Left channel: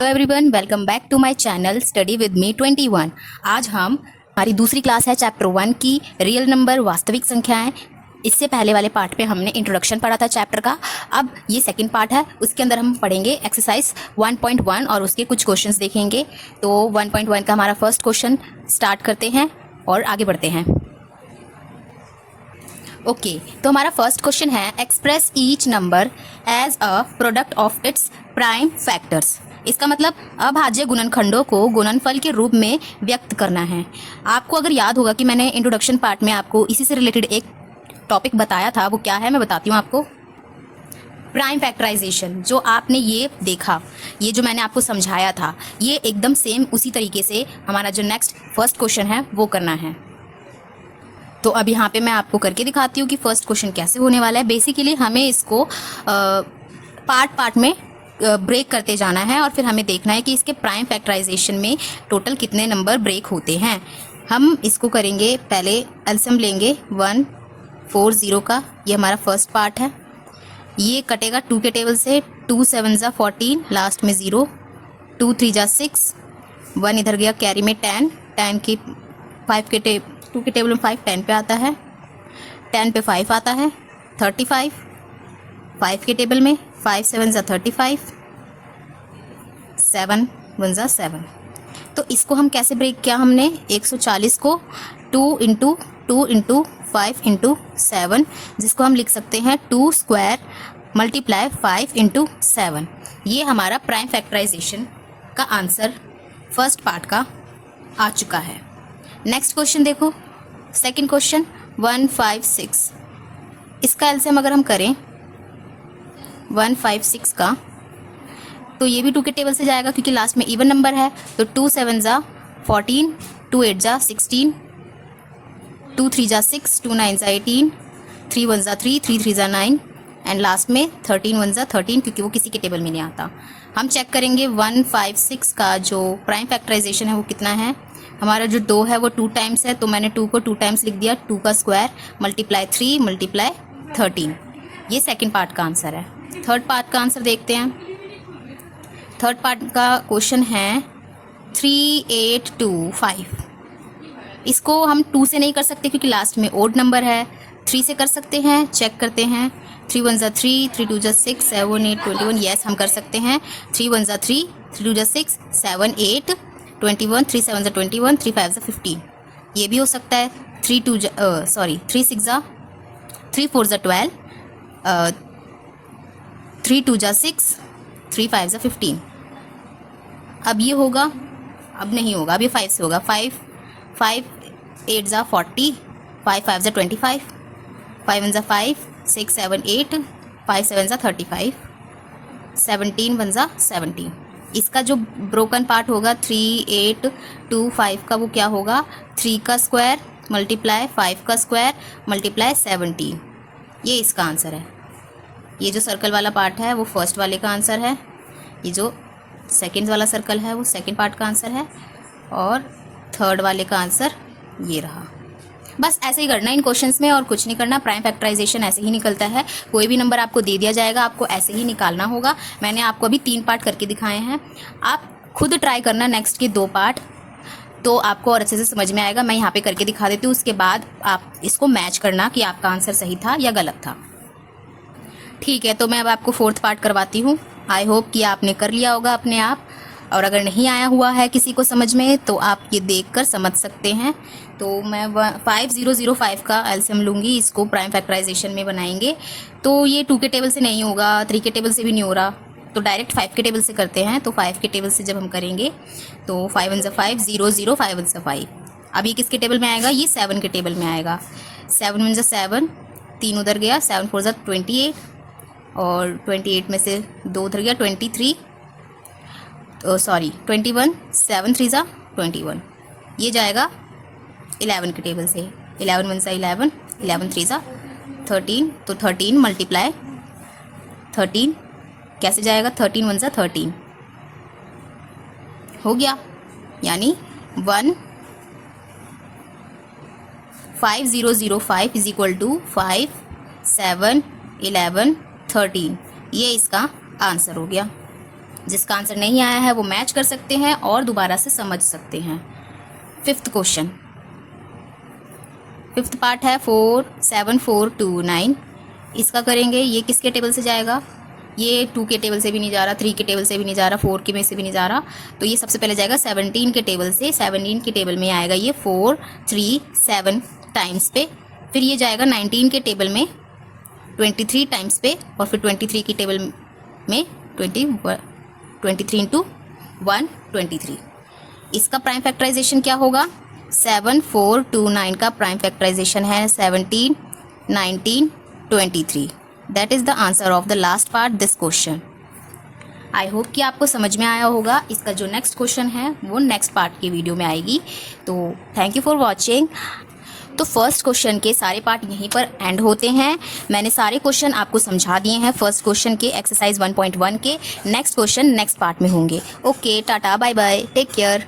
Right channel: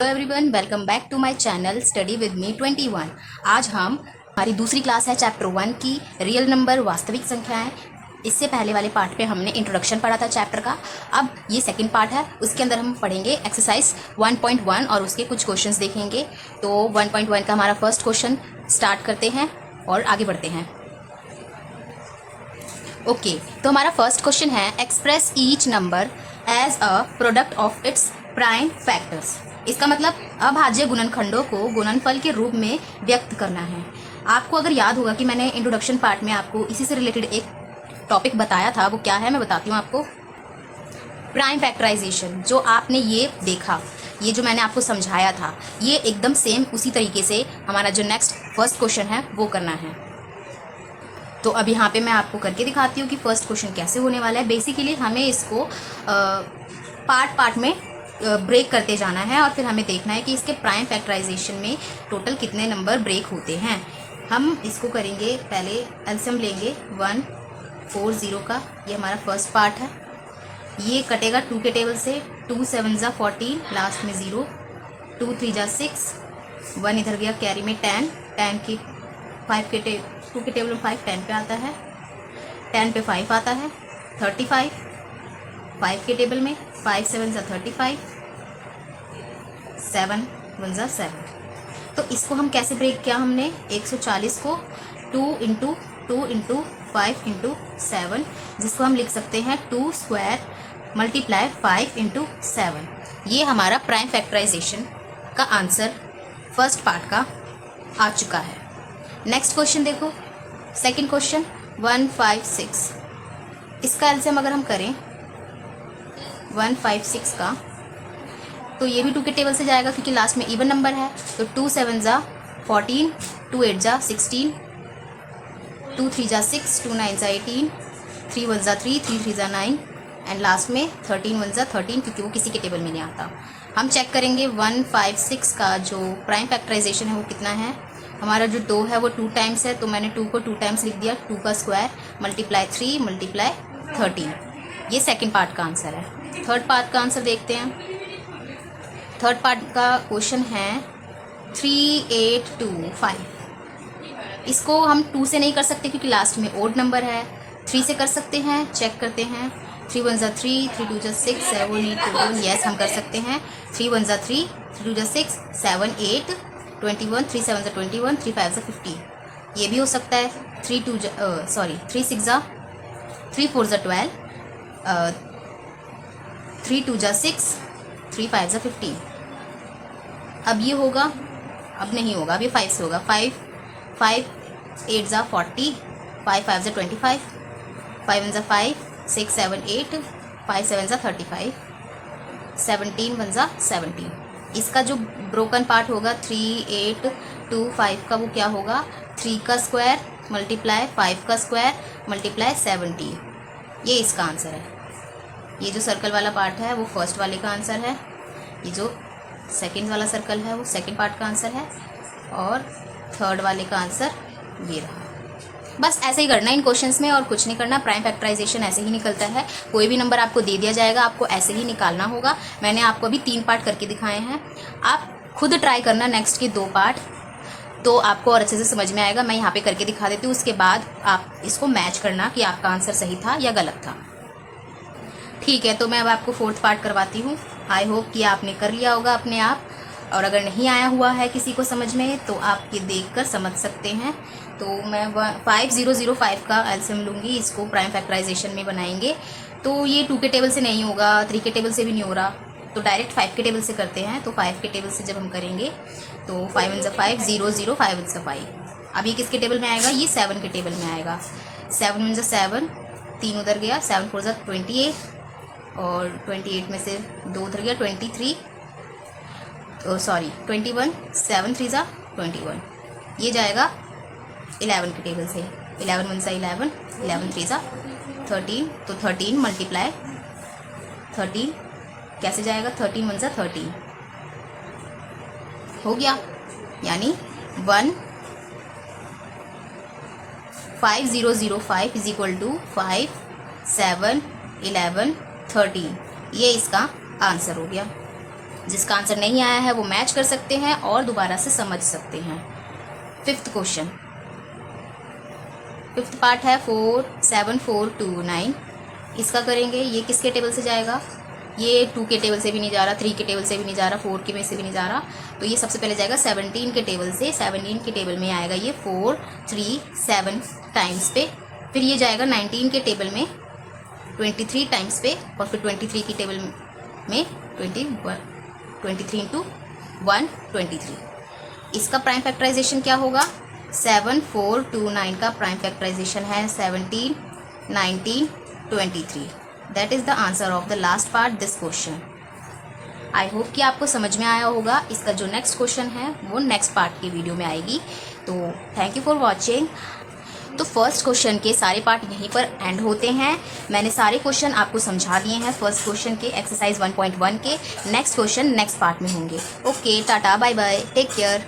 Hello everyone, welcome back to my channel study with me 21। आज हमारी दूसरी class है चैप्टर 1 की रियल नंबर वास्तविक संख्याएं। इससे पहले वाले पार्ट पे हमने इंट्रोडक्शन पढ़ा था चैप्टर का। अब ये सेकंड पार्ट है, उसके अंदर हम पढ़ेंगे एक्सरसाइज 1.1 और उसके कुछ क्वेश्चंस देखेंगे। तो 1.1 का हमारा फर्स्ट क्वेश्चन स्टार्ट करते हैं और आगे बढ़ते हैं। ओके, तो हमारा फर्स्ट क्वेश्चन है express each number as a product of its prime factors. इसका मतलब अभाज्य गुणनखंडों को गुणनफल के रूप में व्यक्त करना है। आपको अगर याद होगा कि मैंने इंट्रोडक्शन पार्ट में आपको इसी से रिलेटेड एक टॉपिक बताया था, वो क्या है मैं बताती हूँ आपको। प्राइम फैक्टराइजेशन, जो आपने ये देखा, ये जो मैंने आपको समझाया था, ये एकदम सेम उसी तरीके से हमारा जो नेक्स्ट फर्स्ट क्वेश्चन है वो करना है। तो अब यहाँ पे मैं आपको करके दिखाती हूँ कि फर्स्ट क्वेश्चन कैसे होने वाला है। बेसिकली हमें इसको पार्ट पार्ट में ब्रेक करते जाना है और फिर हमें देखना है कि इसके प्राइम फैक्टराइजेशन में टोटल कितने नंबर ब्रेक होते हैं। हम इसको करेंगे, पहले एलसीएम लेंगे 140 का, ये हमारा फर्स्ट पार्ट है। ये कटेगा 2 के टेबल से, 2 7 जा 14, लास्ट में 0, 2 3 जा 6, 1 इधर गया, कैरी में 10, 10 की 5 के 2 के टेबल में 5 10 पे आता है, 10 पे 5 आता है, 35, 5 के टेबल में 5 7 जा 35, 7 1 जा 7। तो इसको हम कैसे ब्रेक किया हमने, 140 को 2 इंटू 2 इंटू 5 इंटू 7, जिसको हम लिख सकते हैं 2 स्क्वायर मल्टीप्लाई 5 इंटू 7। ये हमारा प्राइम फैक्टराइजेशन का आंसर फर्स्ट पार्ट का आ चुका है। नेक्स्ट क्वेश्चन देखो, सेकंड क्वेश्चन 156। इसका एलसीएम अगर हम करें 156 का, तो ये भी 2 के टेबल से जाएगा क्योंकि लास्ट में इवन नंबर है। तो 2 7 जा 14, 2 8 जा 16, 2 3 जा 6, 2 9 जा 18, 3 1 जा 3, 3 3 जा 9 एंड लास्ट में 13 1 जा 13, क्योंकि वो किसी के टेबल में नहीं आता। हम चेक करेंगे 156 का जो प्राइम फैक्टराइजेशन है वो कितना है। हमारा जो 2 है वो 2 टाइम्स है, तो मैंने 2 को 2 टाइम्स लिख दिया, 2 का स्क्वायर मल्टीप्लाई 3 मल्टीप्लाई 13। ये सेकंड पार्ट का आंसर है। थर्ड पार्ट का आंसर देखते हैं। थर्ड पार्ट का क्वेश्चन है 3825। इसको हम 2 से नहीं कर सकते क्योंकि लास्ट में ओड नंबर है। 3 से कर सकते हैं, चेक करते हैं। 3 1 जा 3, 3 2 जा 6, 7 8 21। यस, हम कर सकते हैं। 3 1 जा 3, 3 2 जा 6, 7 8 21, 3 7 जा 21, 3 5 जा 15। ये भी हो सकता है। 3 6 जा 3 4 जा 12, 3 2 जा 6, 3 5 जा 15। अब ये होगा, अब नहीं होगा, अब ये 5 से होगा। 5 8 जा 40, 5 5 जा 25, 5 1 जा 5, 6 7 8, 5 7 जा 35, 17 1 जा 17। इसका जो ब्रोकन पार्ट होगा 3 8 2 5 का, वो क्या होगा, 3 का स्क्वायर मल्टीप्लाई 5 का स्क्वायर मल्टीप्लाई 17। ये इसका आंसर है। ये जो सर्कल वाला पार्ट है वो फर्स्ट वाले का आंसर है, ये जो सेकंड वाला सर्कल है वो सेकंड पार्ट का आंसर है, और थर्ड वाले का आंसर ये रहा। बस ऐसे ही करना इन क्वेश्चंस में और कुछ नहीं करना। प्राइम फैक्टराइजेशन ऐसे ही निकलता है। कोई भी नंबर आपको दे दिया जाएगा, आपको ऐसे ही निकालना होगा। मैंने आपको अभी 3 पार्ट करके दिखाए हैं, आप खुद ट्राई करना नेक्स्ट के 2 पार्ट, तो आपको और अच्छे से समझ में आएगा। मैं यहाँ पे करके दिखा देती हूँ, उसके बाद आप इसको मैच करना कि आपका आंसर सही था या गलत था। ठीक है, तो मैं अब आपको 4th पार्ट करवाती हूँ। आई होप कि आपने कर लिया होगा अपने आप, और अगर नहीं आया हुआ है किसी को समझ में तो आप ये देखकर समझ सकते हैं। तो मैं 5005 का एलसीएम लूँगी, इसको प्राइम फैक्टराइजेशन में बनाएंगे। तो ये 2 के टेबल से नहीं होगा, 3 के टेबल से भी नहीं हो रहा, तो डायरेक्ट 5 के टेबल से करते हैं। तो 5 के टेबल से जब हम करेंगे तो 5 1 जा 5, 0 0, 5 1 जा 5। अब ये किसके टेबल में आएगा, ये 7 के टेबल में आएगा। 7 1 जा 7, 3 उधर गया, 7 4 जा 28, और 28 में से 2 उधर गया, 21, 7 3 जा 21। ये जाएगा 11 के टेबल से, 11 1 जा 11, 11 3 जा 13, तो 13 मल्टीप्लाई 13 कैसे जाएगा, 13 1 जा 13 हो गया, यानी 5005 इज इक्वल टू 5 7 11 13। ये इसका आंसर हो गया। जिसका आंसर नहीं आया है वो मैच कर सकते हैं और दोबारा से समझ सकते हैं। फिफ्थ क्वेश्चन, फिफ्थ पार्ट है 4 7 4 2 9। इसका करेंगे, ये किसके टेबल से जाएगा, ये 2 के टेबल से भी नहीं जा रहा, 3 के टेबल से भी नहीं जा रहा, 4 के में से भी नहीं जा रहा, तो ये सबसे पहले जाएगा 17 के टेबल से। 17 के टेबल में आएगा ये 4 3 7 टाइम्स पे, फिर ये जाएगा 19 के टेबल में 23 टाइम्स पे, और फिर 23 की टेबल में 23 इंटू 123। इसका प्राइम फैक्टराइजेशन क्या होगा, 7 4 2 9 का प्राइम फैक्टराइजेशन है 17 19 23। That is the answer of the last part this question. I hope कि आपको समझ में आया होगा। इसका जो नेक्स्ट क्वेश्चन है वो नेक्स्ट पार्ट की वीडियो में आएगी। तो थैंक यू फॉर वॉचिंग। तो फर्स्ट क्वेश्चन के सारे पार्ट यहीं पर एंड होते हैं। मैंने सारे क्वेश्चन आपको समझा दिए हैं फर्स्ट क्वेश्चन के एक्सरसाइज 1.1 के। नेक्स्ट क्वेश्चन नेक्स्ट पार्ट में होंगे। Okay, tata, bye bye, take care.